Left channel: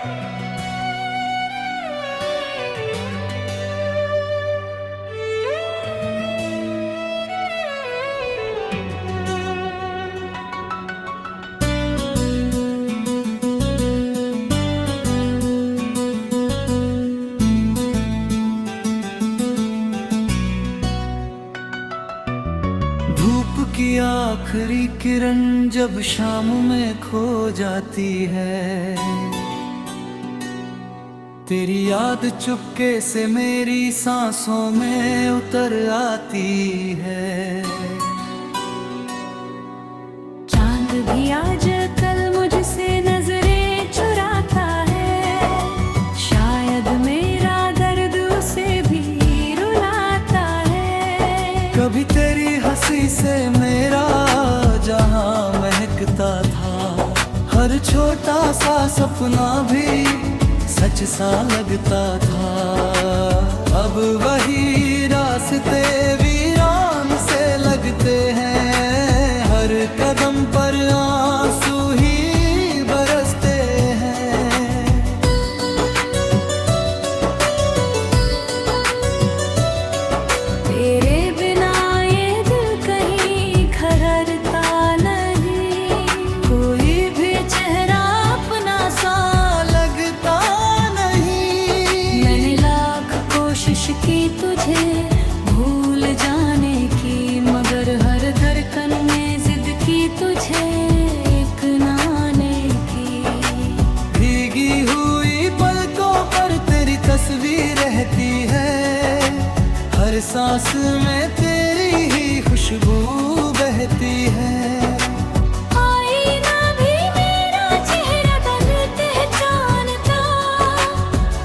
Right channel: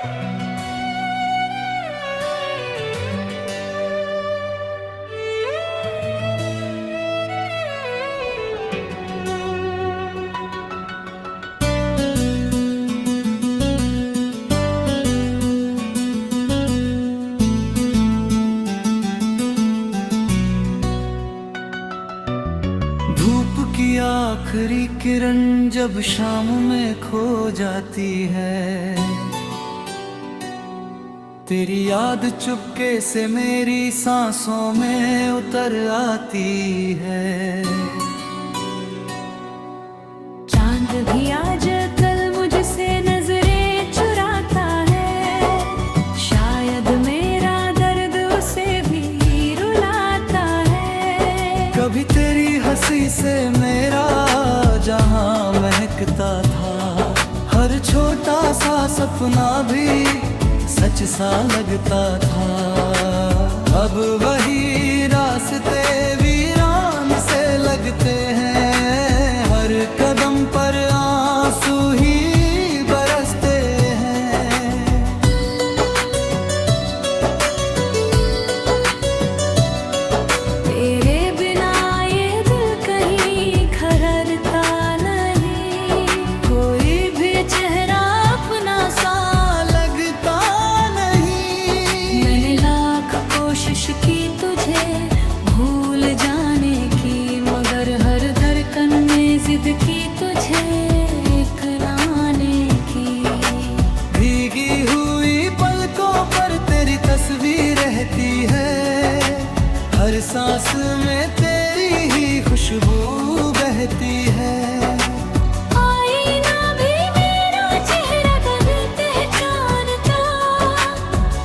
धूप की आखिरी किरण जब शाम में खो जाती है, तेरी याद चुपके से मेरी सांसों में उतर आती है। चांद भी आज कल मुझसे नजरें चुराता है, शायद मेरा दर्द उसे भी रुलाता है। कभी तेरी हंसी से मेरा जहां महकता था, हर छोटा सा सपना भी सच सा लगता था। अब वही रास्ते वीरान से लगते हैं, हर कदम पर आंसू ही बरसते हैं। तेरे बिना ये दिल कहीं खररता नहीं, कोई भी चेहरा अपना सा लगता नहीं। मैंने लाख कोशिश की तुझे भूल जाने की, मगर हर धड़कन में जिद की तुझे एक नाने की। भीगी हुई पलकों पर तेरी तस्वीर रहती है, हर सांस में तेरी ही खुशबू बहती है। आईना भी मेरा चेहरा बन पहचानता,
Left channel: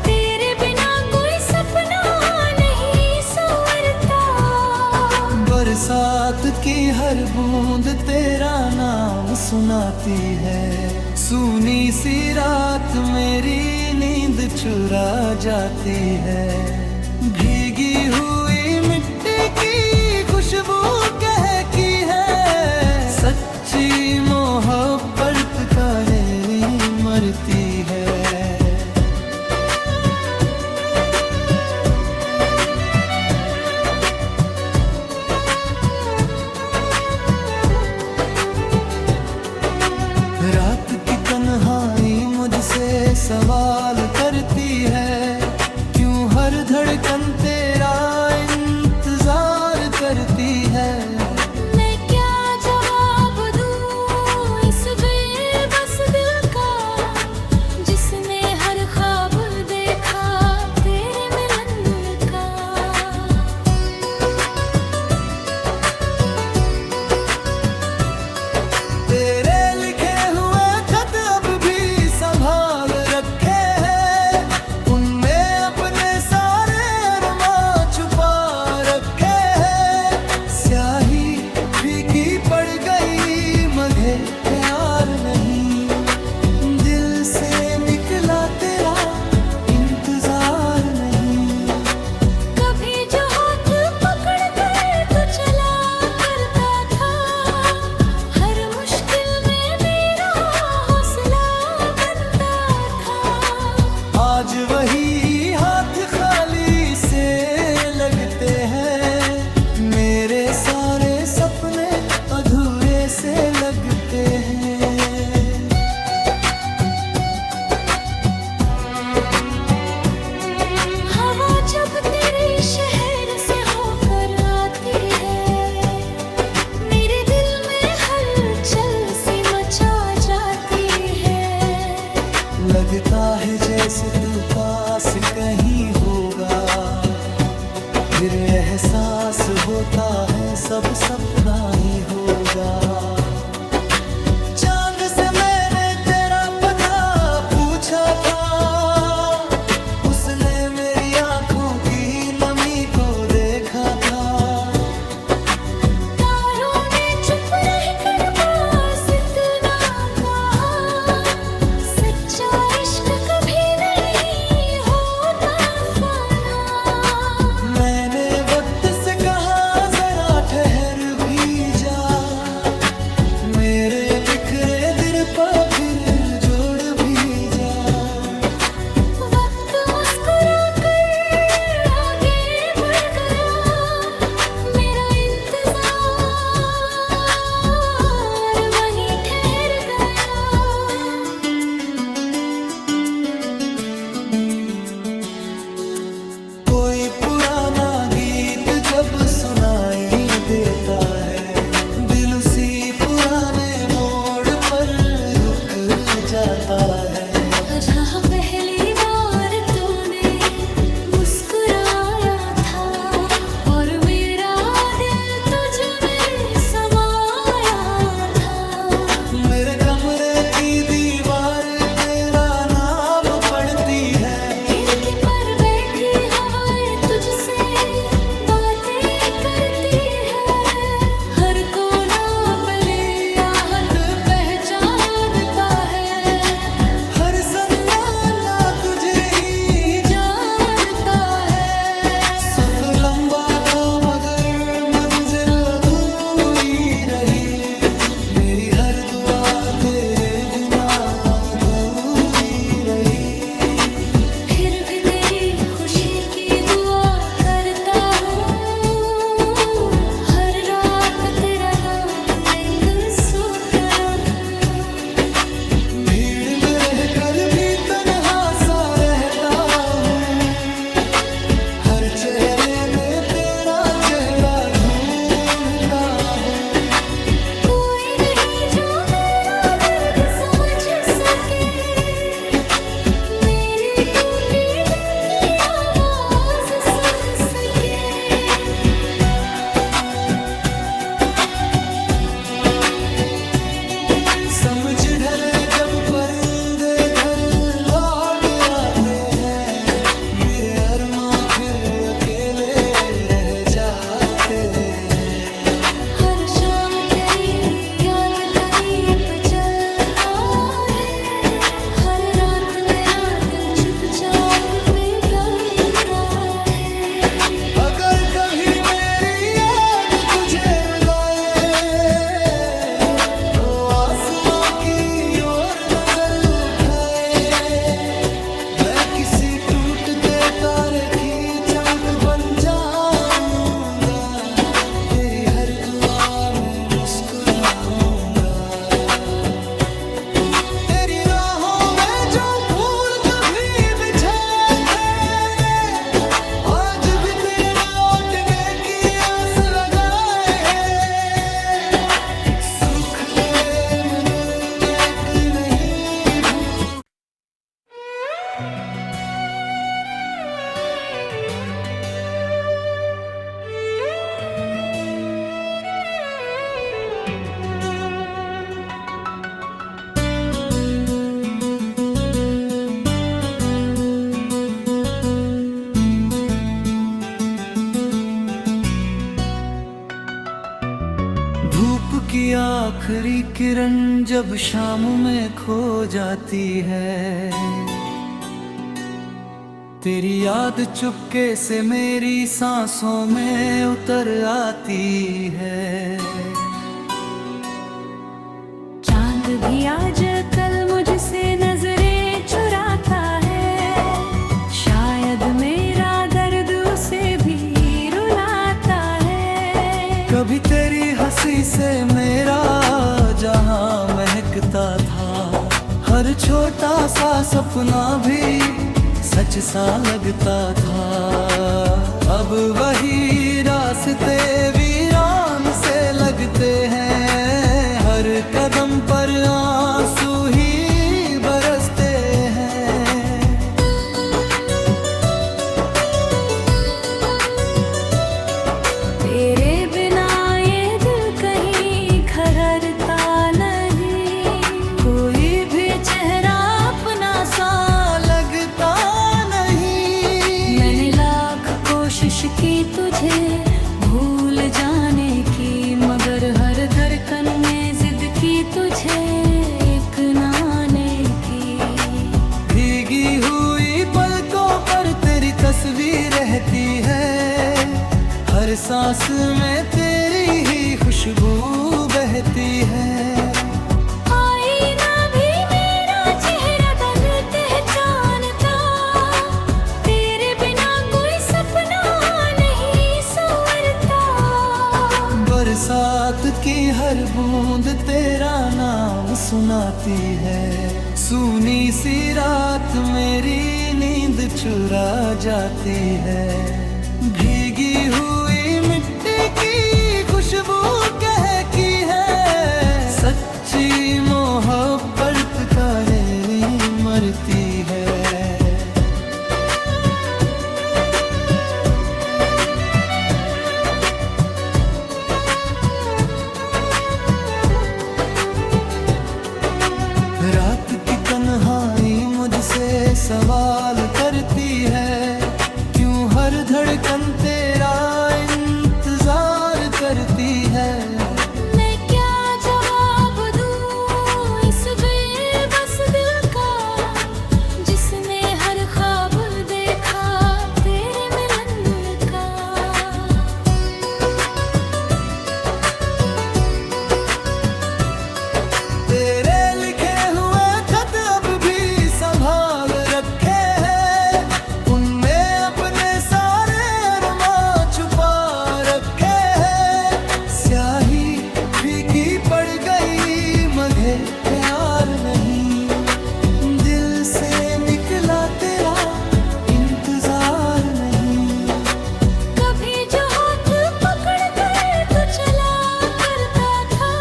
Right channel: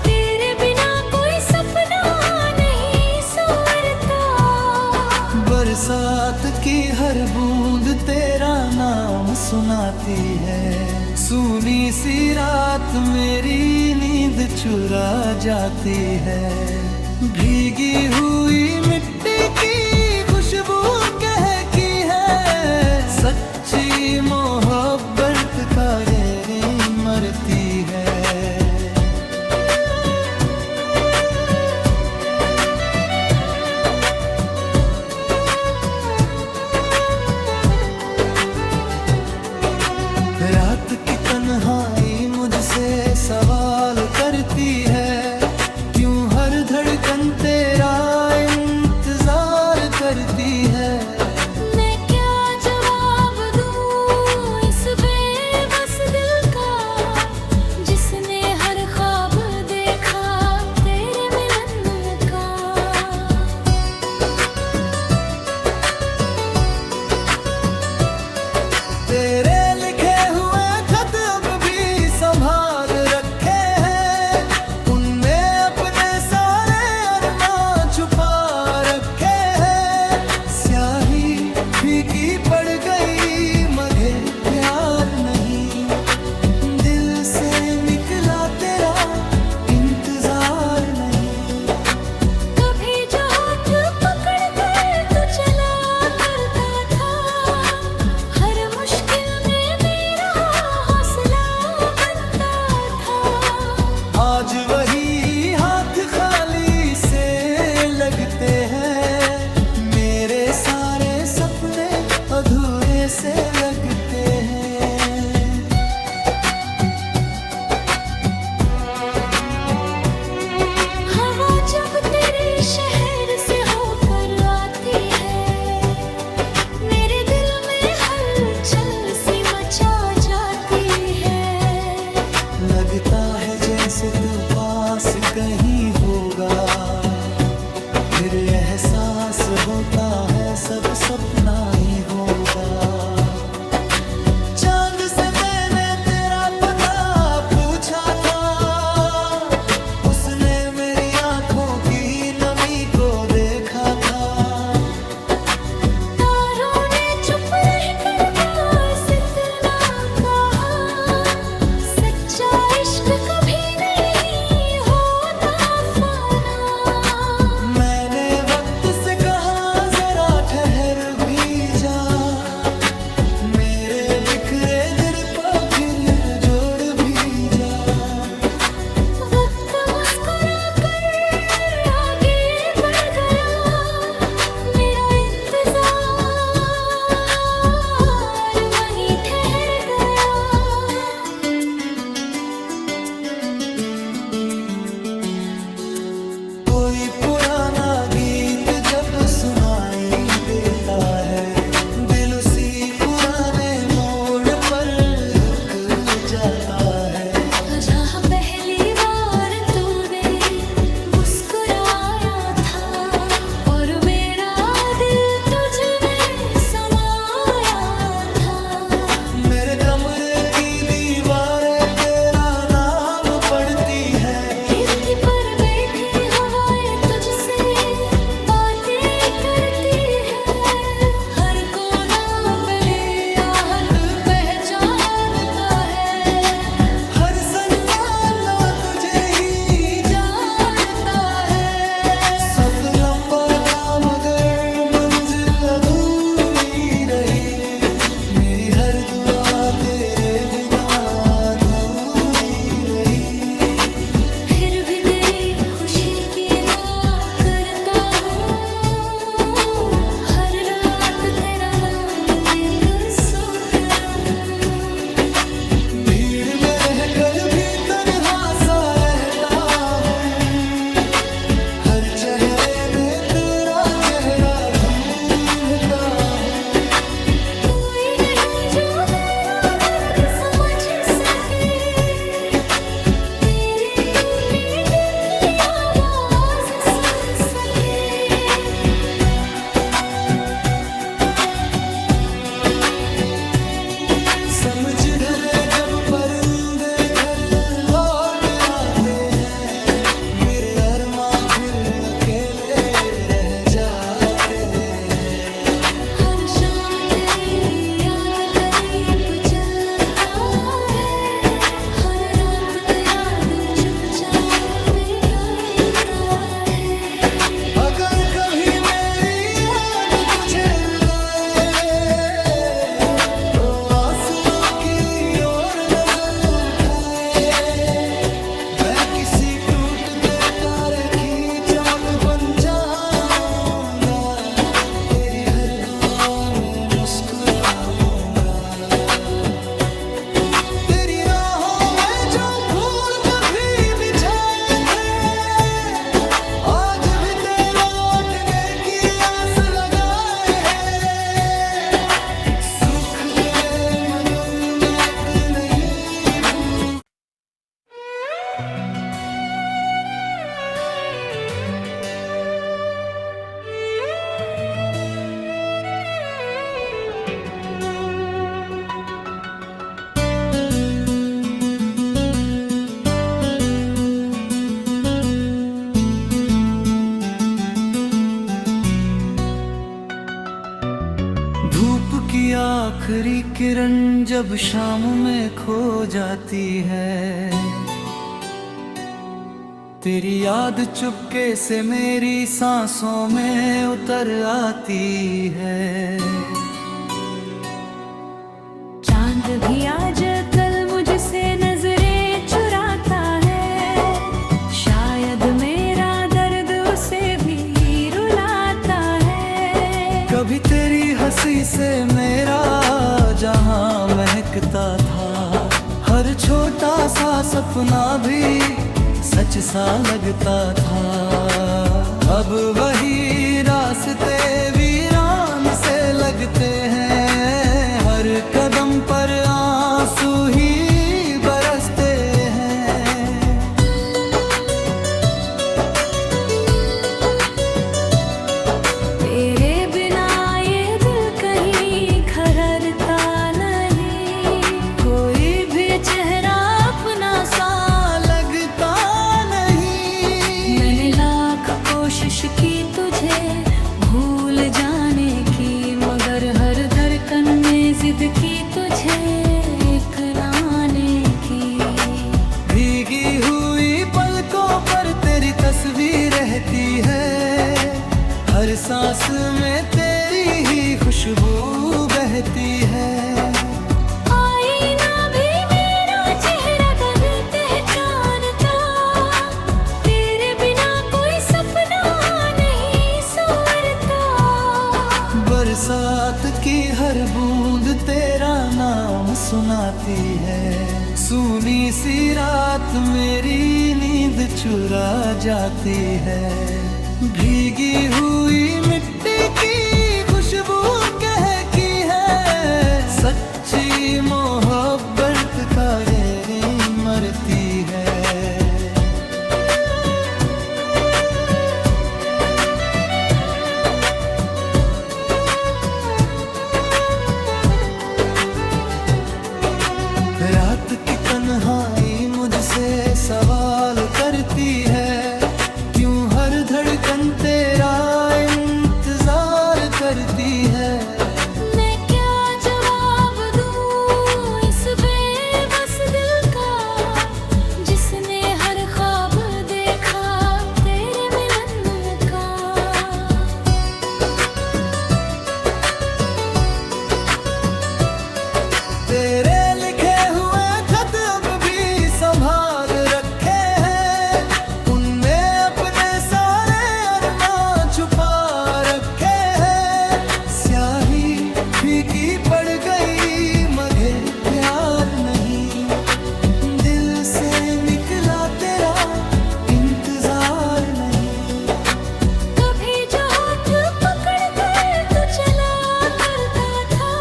तेरे बिना कोई सपना नहीं संवरता। बरसात की हर बूंद तेरा नाम सुनाती है, सूनी सी रात मेरी नींद चुरा जाती है। भीगी हुई मिट्टी की खुशबू कहती है, सच्ची मोहब्बत का डेरी मरती है। रात की तन्हाई मुझसे सवाल करती है, क्यों हर धड़कन तेरा इंतजार करती है। मैं क्या जवाब दूं इस बेबस दिल का, जिसने हर ख्वाब देखा तेरे मिलन का। तेरे लिखे हुए खत अब भी संभाल रखे हैं, उनमें अपने सारे अरमां छुपा रखे हैं। स्याही फीकी पड़ गई मगर प्यार नहीं, दिल से निकला तेरा इंतजार नहीं। कभी जो हाथ पकड़ कर तू चला करता था, हर मुश्किल में मेरा हौसला बनता था। आज वही हाथ खाली से लगते हैं, मेरे सारे सपने अधूरे से लगते हैं। हवा जब तेरे शहर से होकर आती है, मेरे दिल में हलचल सी मचा जाती है। लगता है जैसे तू पास कहीं होगा, फिर एहसास होता है सब सपना ही होगा। चांद से मैंने तेरा पता पूछा था, उसने मेरी आंखों की नमी को देखा था। तारों ने चुप रहकर बस इतना कहा, सच्चा इश्क कभी नहीं होता फना। मैंने वक्त से कहा जरा ठहर भी जा, मेरे बिखरे दिल पर फिर जोड़ भी जा। सुनाई देता है। दिल उसी पुराने मोड़ पर रुक जाता है। जहाँ पहली बार तूने मुस्कुराया था और मेरा दिल तुझ में समाया था। मेरे कमरे की दीवारें तेरा नाम पढ़ती है। खिड़की पर बैठी हवाएं तुझसे बातें करती है। हर कोना पहली आहट पहचानता है। हर सन्नाटा तुझे ही जानता है। सफर लंबा था मगर मंजिल अधूरी रही। मेरी हर दुआ तेरे बिना अधूरी रही। फिर भी तेरी खुशी की दुआ करता हूँ। हर रात तेरा नाम लेकर सोता रहूं। भीड़ में रहकर भी तन्हा सा रहता हूँ। हर चेहरे में तेरा चेहरा ढूंढता हूँ। कोई नहीं जो मेरा दर्द समझ सके। मेरे टूटे दिल की आवाज सुन सके। समझ ढले जब परिंदे घर लौट आते हैं। मेरे अरमां फिर अकेले रह जाते हैं। हर शाम तेरी याद का दीप जलता है। हर रात मेरा दिल चुपचाप पिघलता है। अगर कभी मेरी याद तुझे रुलाए तो आसमां की ओर नजर उठाए। मैं किसी टूटते तारे की चमक बन जाऊंगा। तेरी हर दुआ में मुस्कुराऊंगा। तेरी राहों में जो फूल कभी बिछाए थे आज भी तेरे लौटने की आस लगाए हैं। सूख गए मगर मैं एक नहीं भूल। धूप की आखिरी किरण जब शाम में खो जाती है। तेरी याद चुपके से मेरी सांसों में उतर आती है। चांद भी आज कल मुझसे नजरें चुराता है। शायद मेरा दर्द उसे भी रुलाता है। कभी तेरी हंसी से मेरा जहां महकता था। हर छोटा सा सपना भी सच सा लगता था। अब वही रास्ते वीरान से लगते हैं। हर कदम पर आंसू ही बरसते हैं। तेरे बिना ये दिल कहीं खररता नहीं। कोई भी चेहरा अपना सा लगता नहीं। मैंने लाख कोशिश की तुझे भूल जाने की, मगर हर धड़कन में जिद की तुझे एक नाने की। भीगी हुई पलकों पर तेरी तस्वीर रहती है। हर सांस में तेरी ही खुशबू बहती है। आईना भी मेरा चेहरा कल पहचानता। तेरे बिना कोई सपना नहीं संवरता। बरसात की हर बूंद तेरा नाम सुनाती है। सूनी सी रात मेरी नींद चुरा जाती है। भीगी हुई मिट्टी की खुशबू कहकी है, सच्ची मोहब्बत का डेरी मरती है। रात की तन्हाई मुझसे सवाल करती है, क्यों हर धड़कन तेरा इंतजार करती है। मैं क्या जवाब दूं इस बेबस दिल का, जिसने हर ख्वाब देखा तेरे मिलन का। तेरे लिखे हुए खत अब भी संभाल रखे हैं, उनमें अपने सारे अरमां छुपा रखे हैं। स्याही फीकी पड़ गई मगर प्यार नहीं, दिल से निकला तेरा इंतजार नहीं। कभी जो हाथ पकड़ कर तू चला करता था,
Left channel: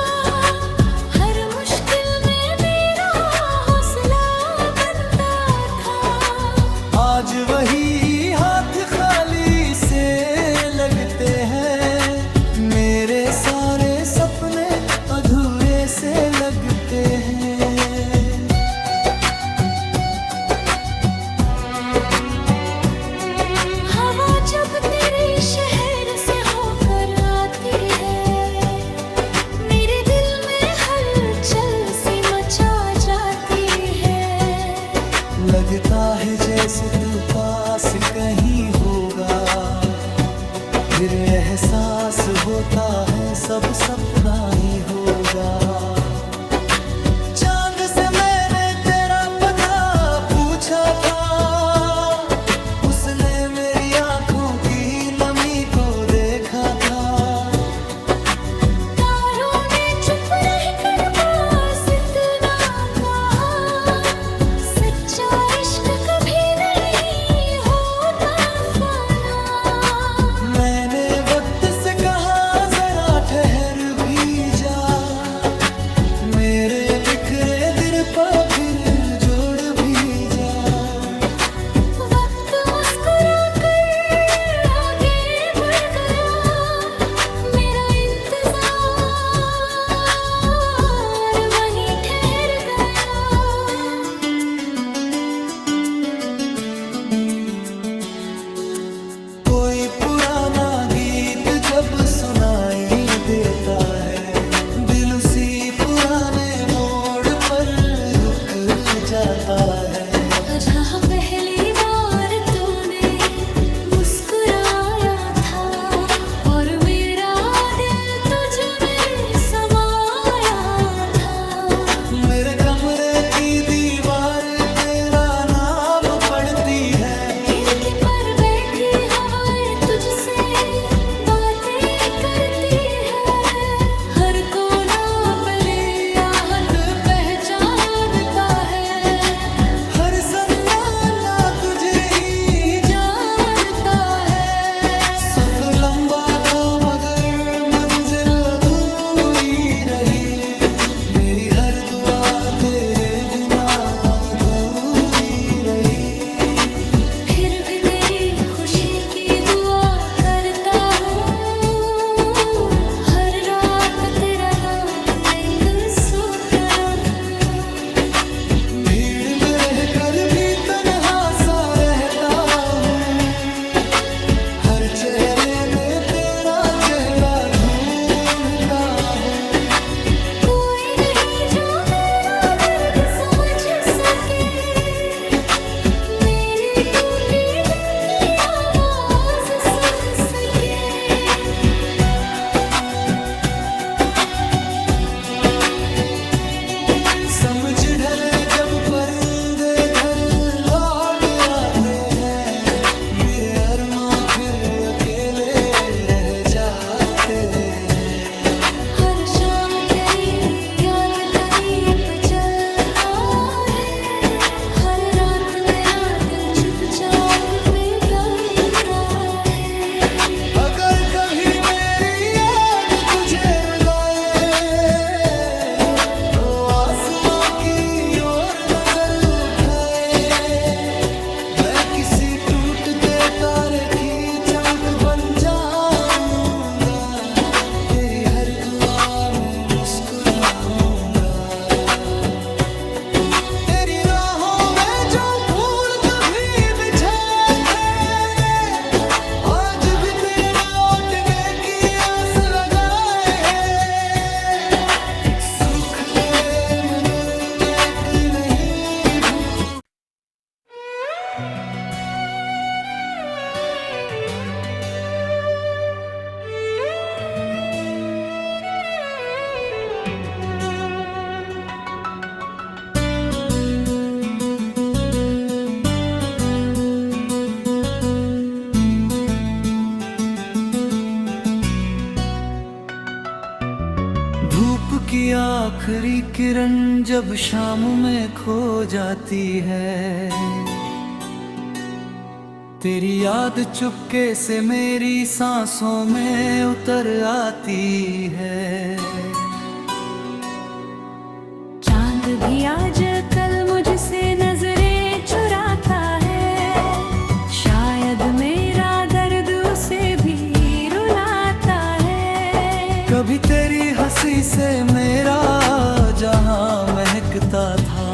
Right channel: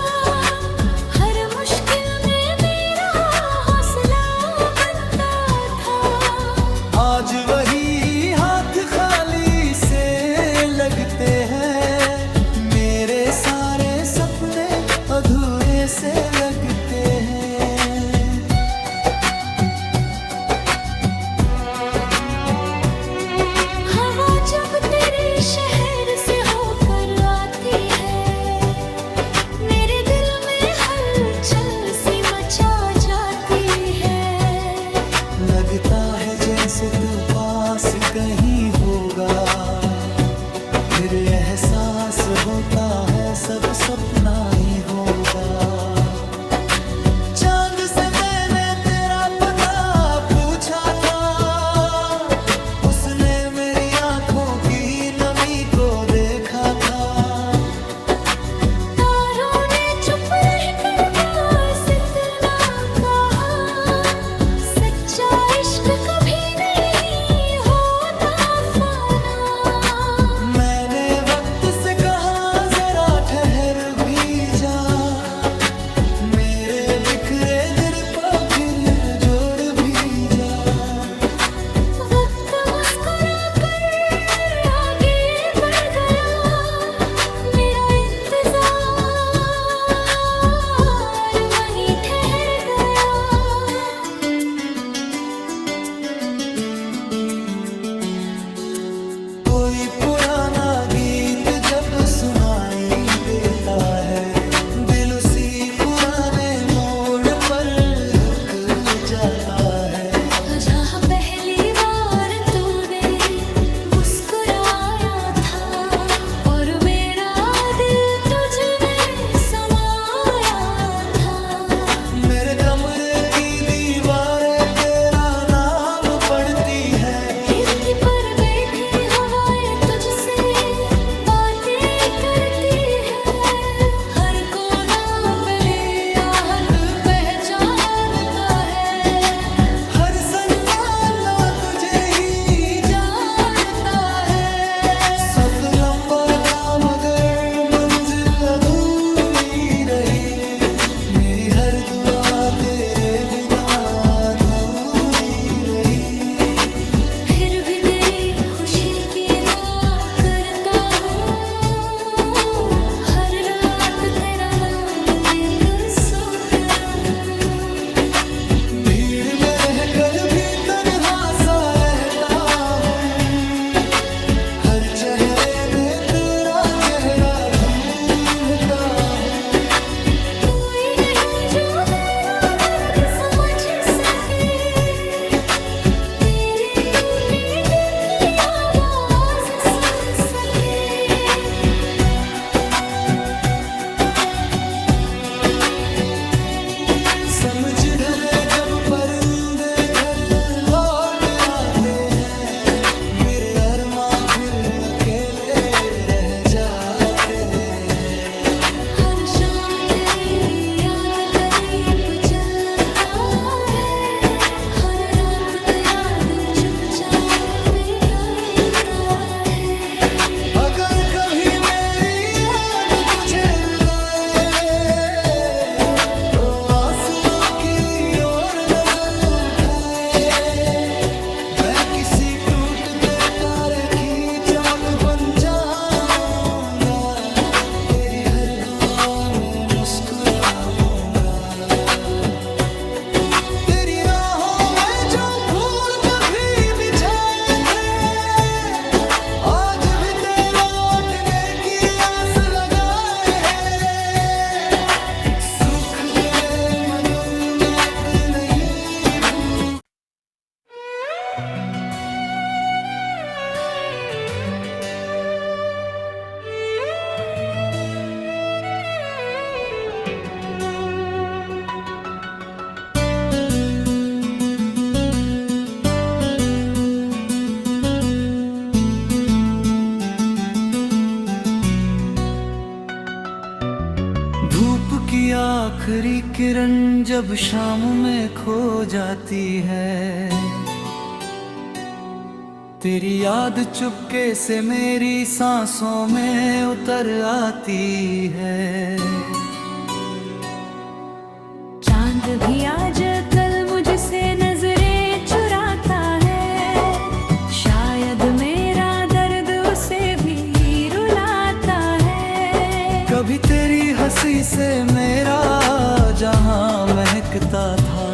हर मुश्किल में मेरा हौसला बनता था। आज वही हाथ खाली से लगते हैं, मेरे सारे सपने अधूरे से लगते हैं। हवा जब तेरे शहर से होकर आती है, मेरे दिल में हलचल सी मचा जाती है। लगता है जैसे तू पास कहीं होगा, फिर एहसास होता है सब सपना ही होगा। चांद से मैंने तेरा पता पूछा था, उसने मेरी आंखों की नमी को देखा था। तारों ने चुप रहकर बस इतना कहा, सच्चा इश्क कभी नहीं होता फना। मैंने वक्त से कहा जरा ठहर भी जा, मेरे बिखरे दिल पर फिर जोड़ भी जा। वक्त मुस्कुरा कर आगे बढ़ गया, मेरा इंतजार वहीं ठहर गया। कोई पुराना गीत जब सुनाई देता है, दिल उसी पुराने मोड़ पर रुक जाता है। जहाँ पहली बार तूने मुस्कुराया था, और मेरा दिल तुझ में समाया था। मेरे कमरे की दीवारें तेरा नाम पढ़ती है, खिड़की पर बैठी हवाएं तुझसे बातें करती है। हर कोना पली आहट पहचानता है, हर सन्नाटा तुझे ही जानता है। सफर लंबा था मगर मंजिल अधूरी रही, मेरी हर दुआ तेरे बिना अधूरी रही। फिर भी तेरी खुशी की दुआ करता हूँ, हर रात तेरा नाम लेकर सोता रहूं। भीड़ में रहकर भी तन्हा सा रहता हूँ, हर चेहरे में तेरा चेहरा ढूंढता हूँ। कोई नहीं जो मेरा दर्द समझ सके, मेरे टूटे दिल की आवाज सुन सके। समझ ढले जब परिंदे घर लौट आते हैं, मेरे अरमां फिर अकेले रह जाते हैं। हर शाम तेरी याद का दीप जलता है, हर रात मेरा दिल चुपचाप पिघलता है। अगर कभी मेरी याद तुझे रुलाए तो आसमां की ओर नजर उठाए। मैं किसी टूटते तारे की चमक बन जाऊंगा, तेरी हर दुआ में मुस्कुराऊंगा। तेरी राहों में जो फूल कभी बिछाए थे, आज भी तेरे लौटने की आस लगाए हैं। सूख गए मगर मैं एक नहीं भूल। धूप की आखिरी किरण जब शाम में खो जाती है, तेरी याद चुपके से मेरी सांसों में उतर आती है। चांद भी आज कल मुझसे नजरें चुराता है, शायद मेरा दर्द उसे भी रुलाता है। कभी तेरी हंसी से मेरा जहां महकता था,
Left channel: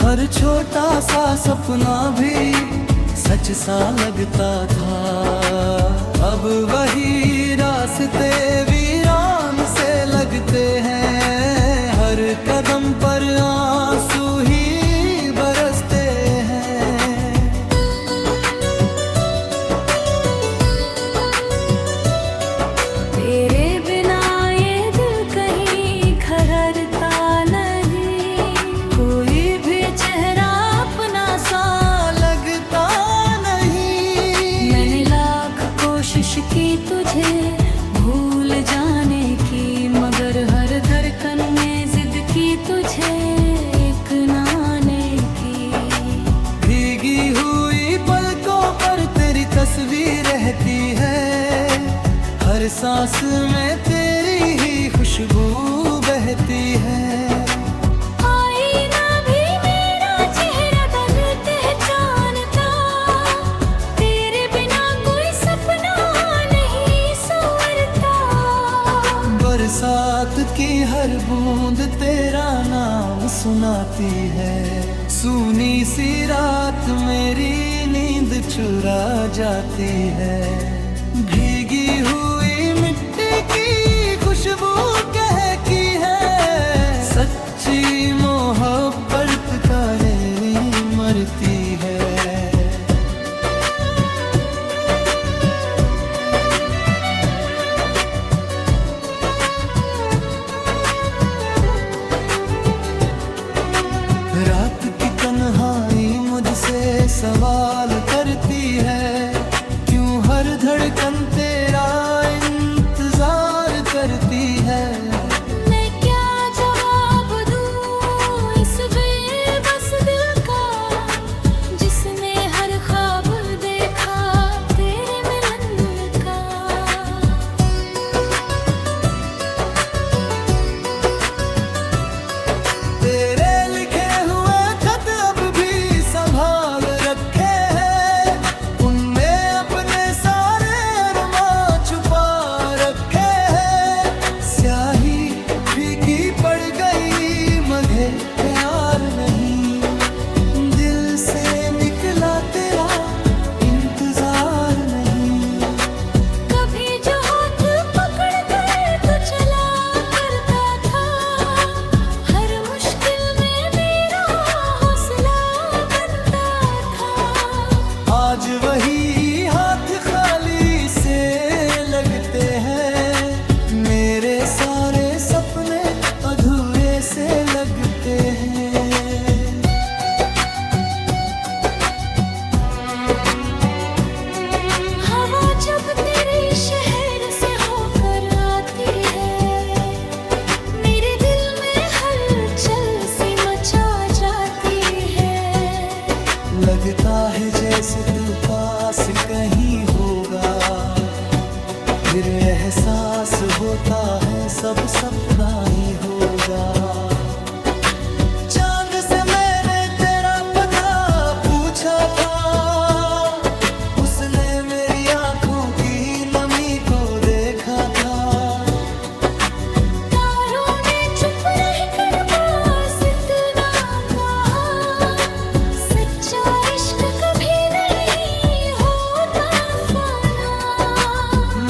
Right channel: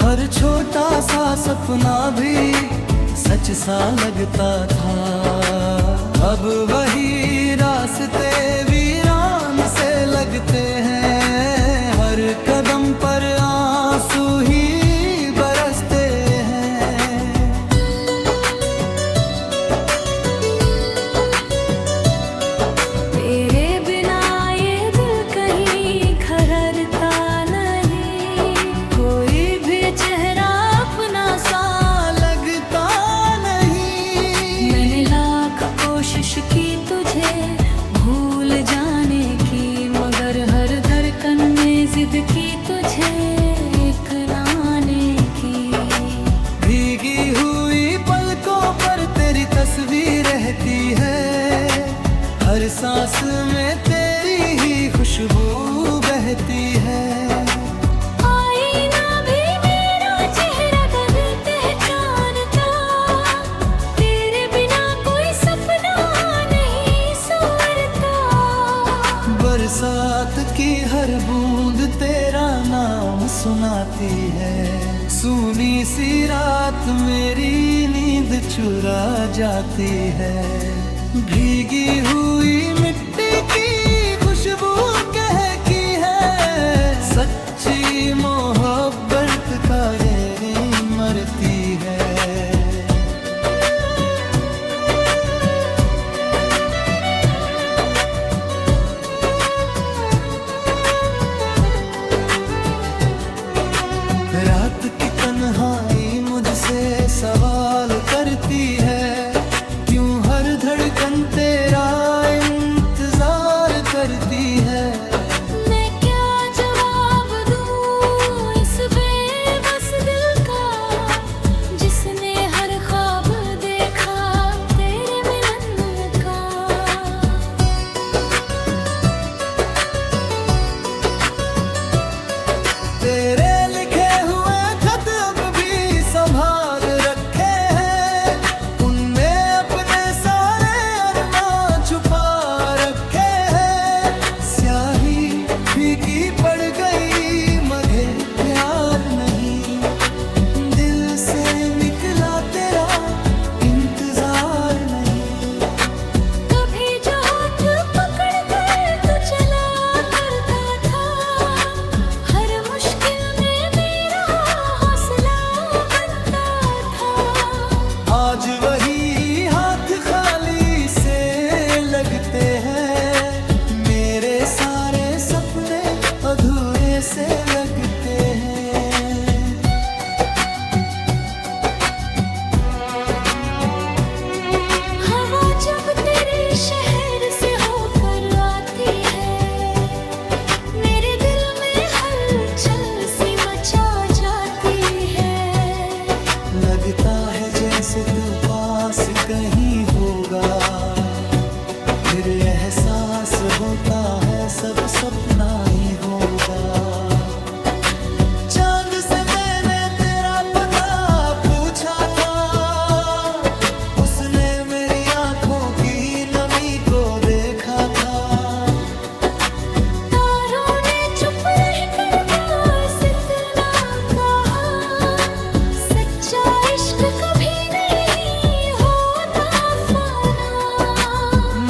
हर छोटा सा सपना भी सच सा लगता था। अब वही रास्ते वीरान से लगते हैं, हर कदम पर आंसू ही बरसते हैं। तेरे बिना ये दिल कहीं खररता नहीं, कोई भी चेहरा अपना सा लगता नहीं। मैंने लाख कोशिश की तुझे भूल जाने की, मगर हर धड़कन में जिद की तुझे एक नाने की। भीगी हुई पलकों पर तेरी तस्वीर रहती है, हर सांस में तेरी ही खुशबू बहती है। आईना भी मेरा चेहरा कल पहचानता, तेरे बिना कोई सपना नहीं संवरता। बरसात की हर बूंद तेरा नाम सुनाती है, सूनी सी रात मेरी नींद चुरा जाती है। भीगी हुई मिट्टी की खुशबू कहती है, सच्ची मोहब्बत का डेरी मरती है। रात की तन्हाई मुझसे सवाल करती है, क्यों हर धड़कन तेरा इंतजार करती है। मैं क्या जवाब दूं इस बेबस दिल का, जिसने हर ख्वाब देखा तेरे मिलन का। तेरे लिखे हुए खत अब भी संभाल रखे हैं, उनमें अपने सारे अरमां छुपा रखे हैं। स्याही फीकी पड़ गई मगर प्यार नहीं, दिल से निकला तेरा इंतजार नहीं। कभी जो हाथ पकड़ कर तू चला करता था, हर मुश्किल में मेरा हौसला बनता था। आज वही हाथ खाली से लगते हैं, मेरे सारे सपने अधूरे से लगते हैं। हवा जब तेरे शहर से होकर आती है, मेरे दिल में हलचल सी मचा जाती है। लगता है जैसे तू पास कहीं होगा, फिर एहसास होता है सब सपना ही होगा। चांद से मैंने तेरा पता पूछा था, उसने मेरी आंखों की नमी को देखा था। तारों ने चुप रहकर बस इतना कहा, सच्चा इश्क कभी नहीं होता फना।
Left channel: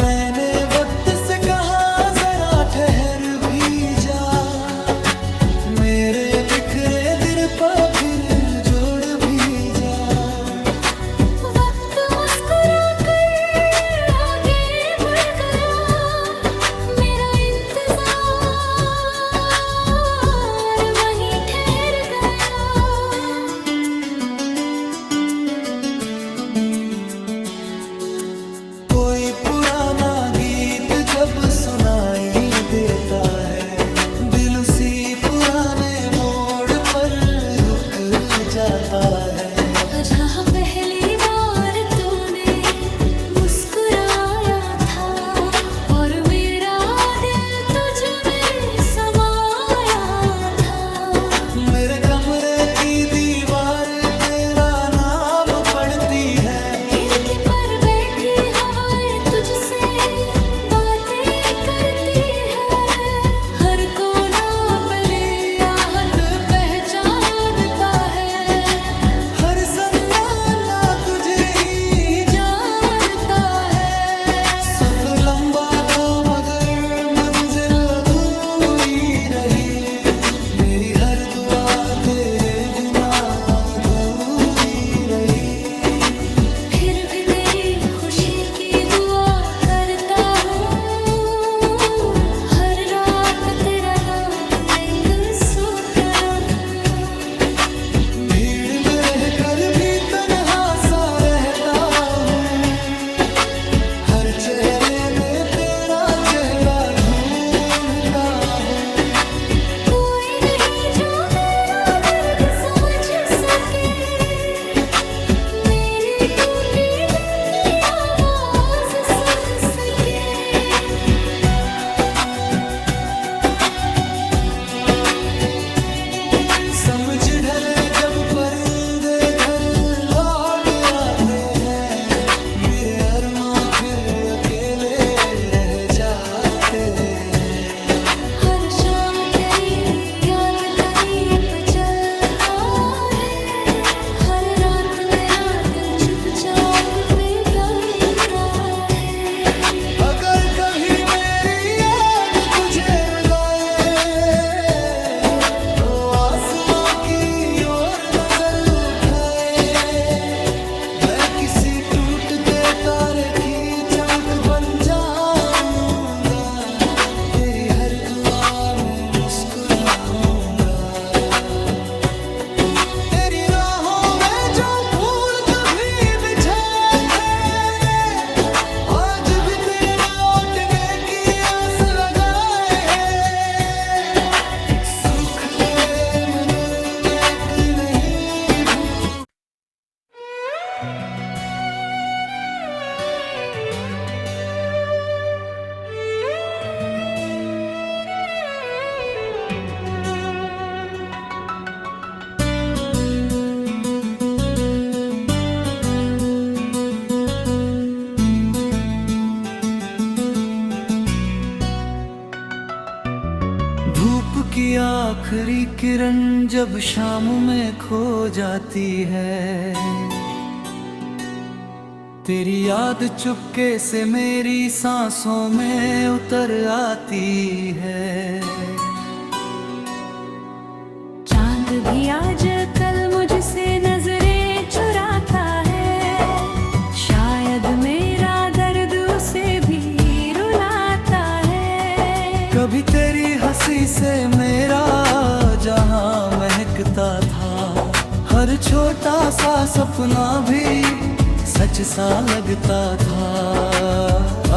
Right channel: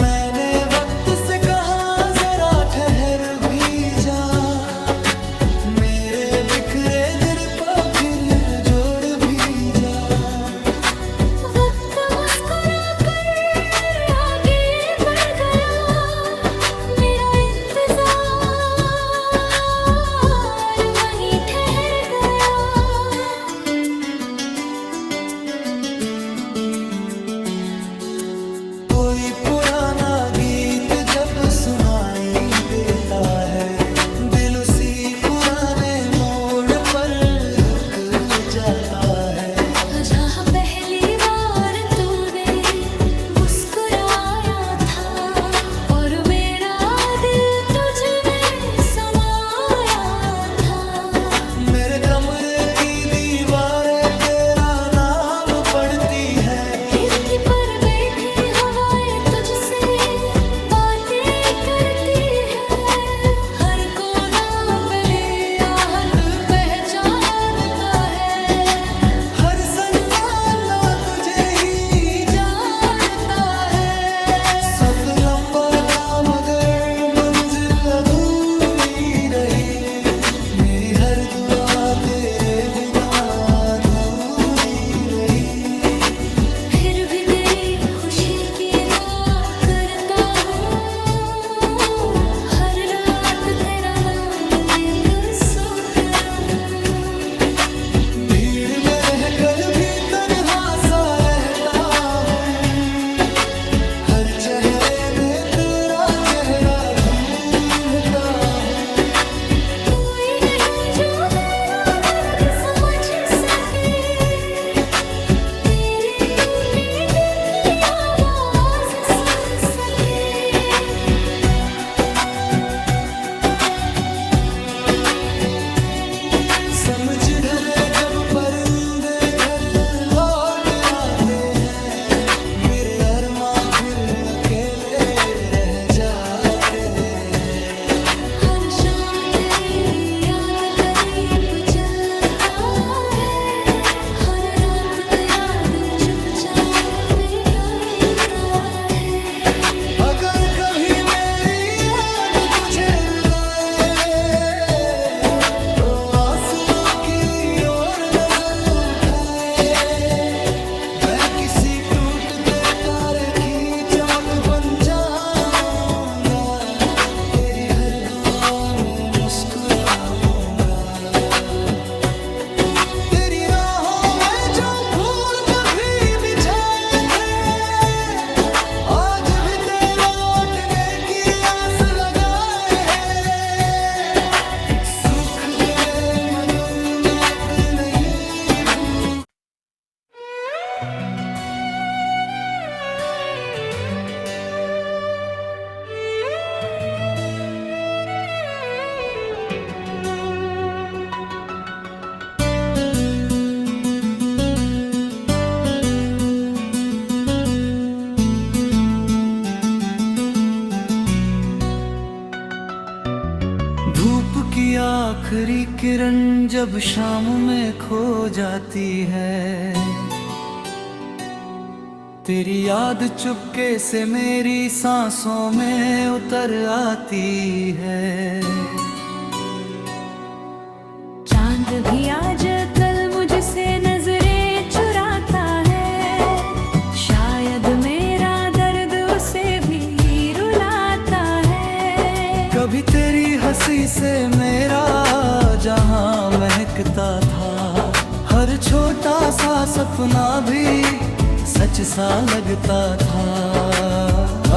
मैंने वक्त से कहा जरा ठहर भी जा, मेरे बिखरे दिल पर फिर जोड़ भी जा। वक्त मुस्कुरा कर आगे बढ़ गया, मेरा इंतजार वहीं ठहर गया। कोई पुराना गीत जब सुनाई देता है, दिल उसी पुराने मोड़ पर रुक जाता है। जहाँ पहली बार तूने मुस्कुराया था और मेरा दिल तुझ में समाया था। मेरे कमरे की दीवारें तेरा नाम पढ़ती है, खिड़की पर बैठी हवाएं तुझसे बातें करती है। हर कोना पली आहट पहचानता है, हर सन्नाटा तुझे ही जानता है। सफर लंबा था मगर मंजिल अधूरी रही, मेरी हर दुआ तेरे बिना अधूरी रही। फिर भी तेरी खुशी की दुआ करता हूँ, हर रात तेरा नाम लेकर सोता रहूं। भीड़ में रहकर भी तन्हा सा रहता हूँ, हर चेहरे में तेरा चेहरा ढूंढता हूँ। कोई नहीं जो मेरा दर्द समझ सके, मेरे टूटे दिल की आवाज सुन सके। समझ ढले जब परिंदे घर लौट आते हैं, मेरे अरमां फिर अकेले रह जाते हैं। हर शाम तेरी याद का दीप जलता है, हर रात मेरा दिल चुपचाप पिघलता है। अगर कभी मेरी याद तुझे रुलाए, तो आसमां की ओर नजर उठाए। मैं किसी टूटते तारे की चमक बन जाऊंगा, तेरी हर दुआ में मुस्कुराऊंगा। तेरी राहों में जो फूल कभी बिछाए थे, आज भी तेरे लौटने की आस लगाए हैं। सुख दे मगर मैं एक नहीं भूल। धूप की आखिरी किरण जब शाम में खो जाती है, तेरी याद चुपके से मेरी सांसों में उतर आती है। चांद भी आज कल मुझसे नजरें चुराता है, शायद मेरा दर्द उसे भी रुलाता है। कभी तेरी हंसी से मेरा जहां महकता था, हर छोटा सा सपना भी सच सा लगता था।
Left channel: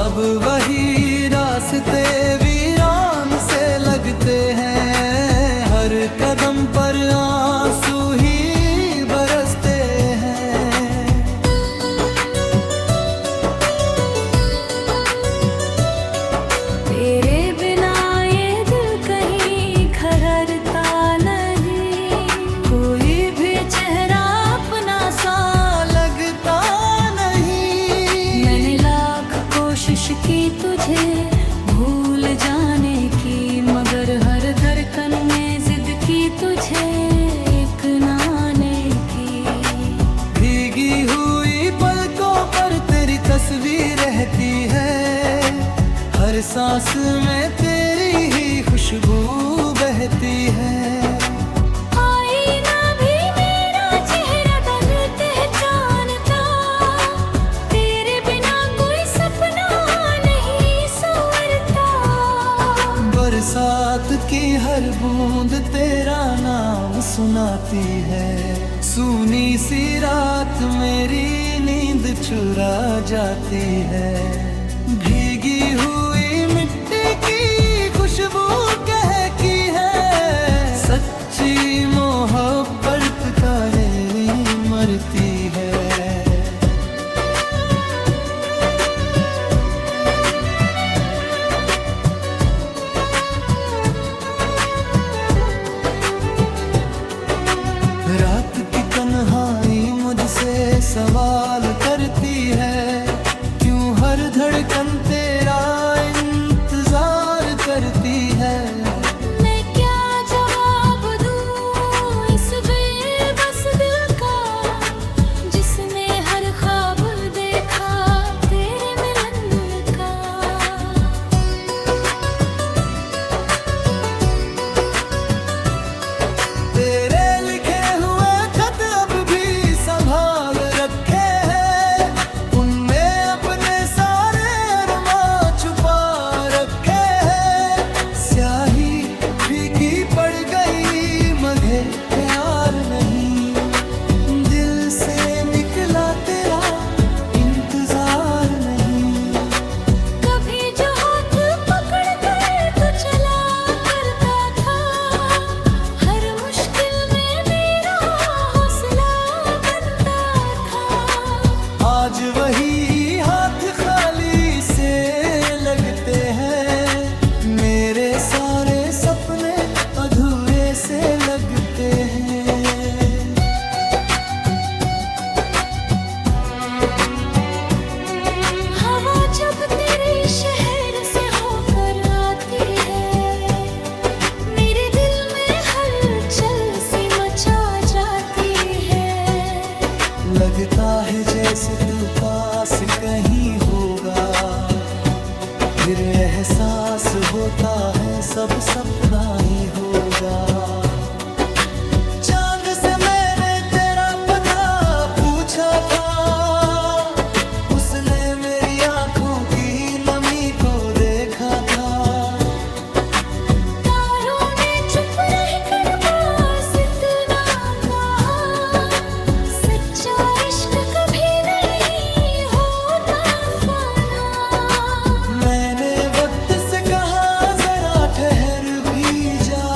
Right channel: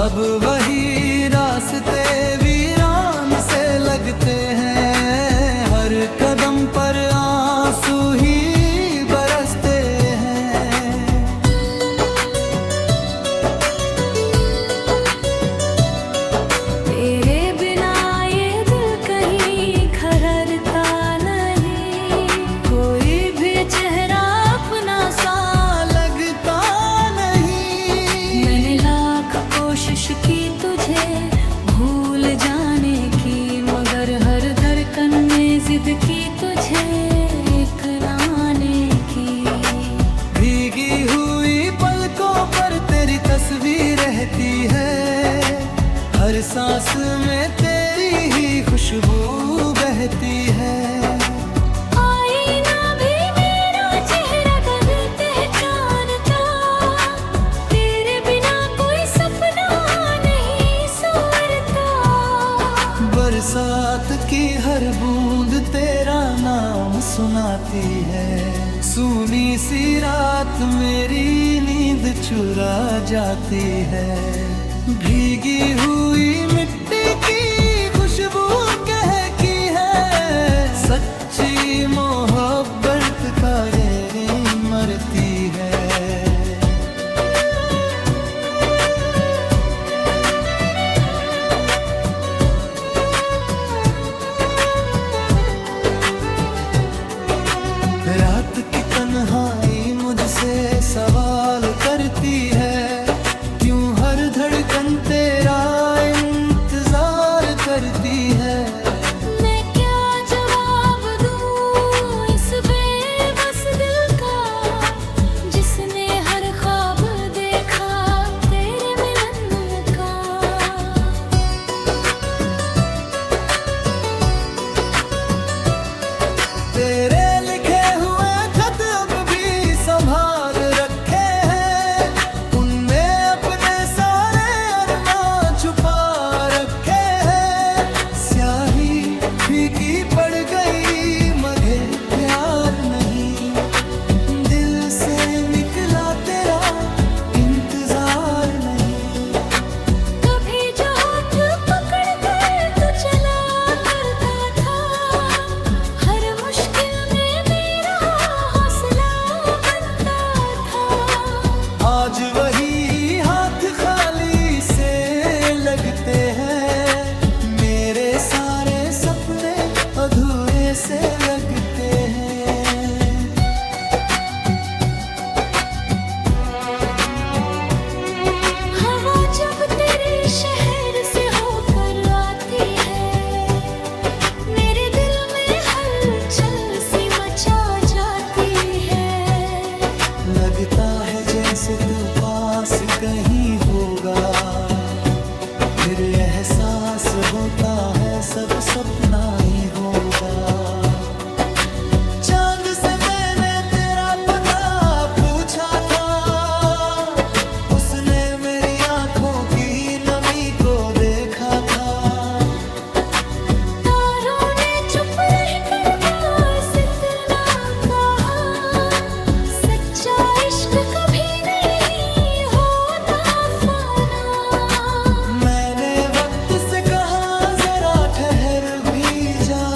अब वही रास्ते वीरान से लगते हैं, हर कदम पर आंसू ही बरसते हैं। की तुझे भूल जाने की, मगर हर धड़कन में जिद की तुझे एक नाने की। भीगी हुई पलकों पर तेरी तस्वीर रहती है, हर सांस में तेरी ही खुशबू बहती है। आईना भी मेरा चेहरा तन पहचानता, तेरे बिना कोई सपना नहीं संवरता। बरसात की हर बूंद तेरा नाम सुनाती है, सूनी सी रात मेरी नींद चुरा जाती है। भीगी हुई मिट्टी की खुशबू कहती है, सच्ची मोहब्बत का डेरी मरती है। रात की तन्हाई मुझसे सवाल करती है, क्यों हर धड़कन तेरा इंतजार करती है। मैं क्या जवाब दूं इस बेबस दिल का, जिसने हर ख्वाब देखा तेरे मिलन का। तेरे लिखे हुए खत अब भी संभाल रखे हैं, उनमें अपने सारे अरमां छुपा रखे हैं। स्याही फीकी पड़ गई मगर प्यार नहीं, दिल से निकला तेरा इंतजार नहीं। कभी जो हाथ पकड़ कर तू चला करता था, हर मुश्किल में मेरा हौसला बनता था। आज वही हाथ खाली से लगते हैं, मेरे सारे सपने अधूरे से लगते हैं। हवा जब तेरे शहर से होकर आती है, मेरे दिल में हलचल सी मचा जाती है। लगता है जैसे तू पास कहीं होगा, फिर एहसास होता है सब सपना ही होगा। चांद से मैंने तेरा पता पूछा था, उसने मेरी आंखों की नमी को देखा था। तारों ने चुप रहकर बस इतना कहा, सच्चा इश्क कभी नहीं होता फना। मैंने वक्त से कहा जरा ठहर भी जा,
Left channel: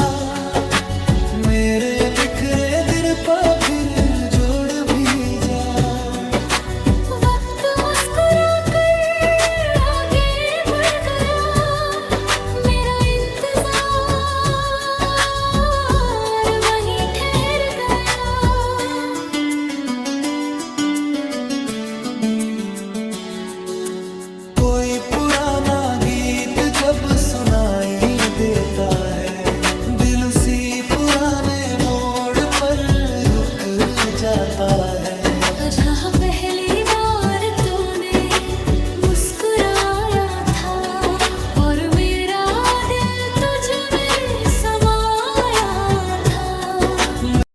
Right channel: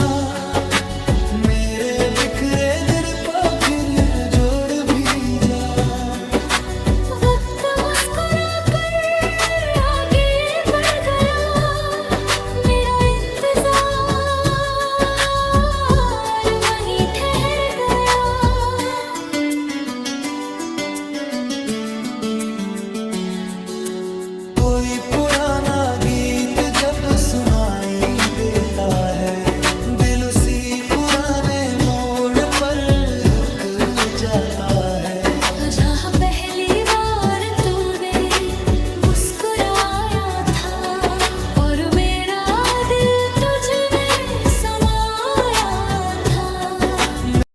मेरे बिखरे दिल पर फिर जोड़ भी जा। वक्त मुस्कुरा कर आगे बढ़ गया, मेरा इंतजार वहीं ठहर गया। कोई पुराना गीत जब सुनाई देता है, दिल उसी पुराने मोड़ पर रुक जाता है। जहाँ पहली बार तू